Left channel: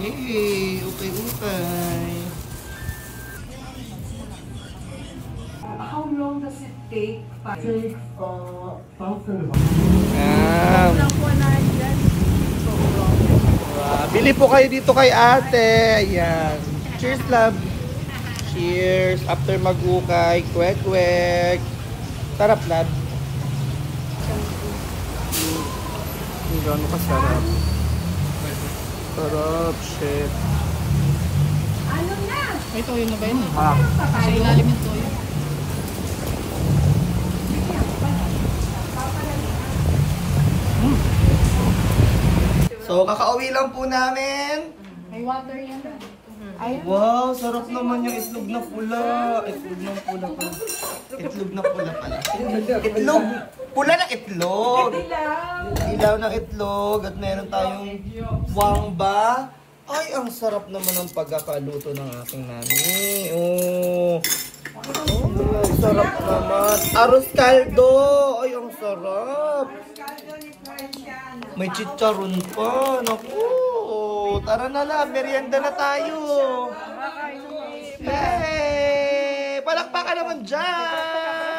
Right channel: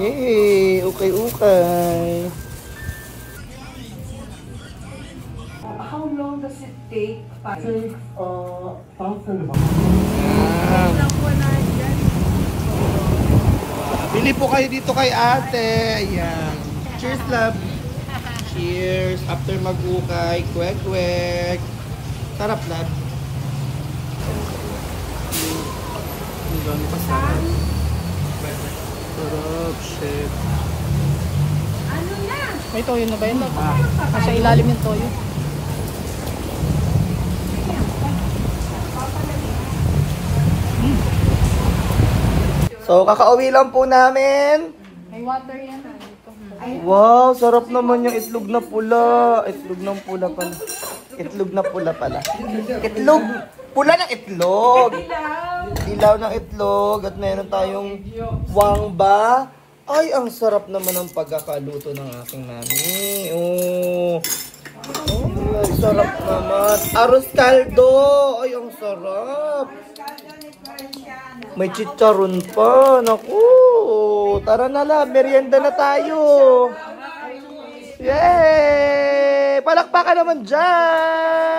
Yay! Okay. How long does it take? Yan. Bili po kayo dito kay ate. Ayan. Cheers, love. Cheers. After mag-ukay. Kwek-kwek. Sarap, love. Ang gano'n kasarap. Sarap, shit. Ano na? May toyo na ba yun? Nasa ilalim yung toyo. So, kakauwi lang po namin. May water yan. Wow, sarap naman yung itlog na pula. Itlog ng pula pala. Itlog na pula pala. Itlog. Pula ng itlog. Ilaw ng itlog. At meron tayong wangba. Ay, ang sarap naman ng pagkakaluto ng aking mami. Oh. Oh, sarap naman. Arroz caldo. Ay, ang sarap. May chicharon pa. Naku. Tara na lang. Merienda na tayo. Yay! Palakpakan naman dyan!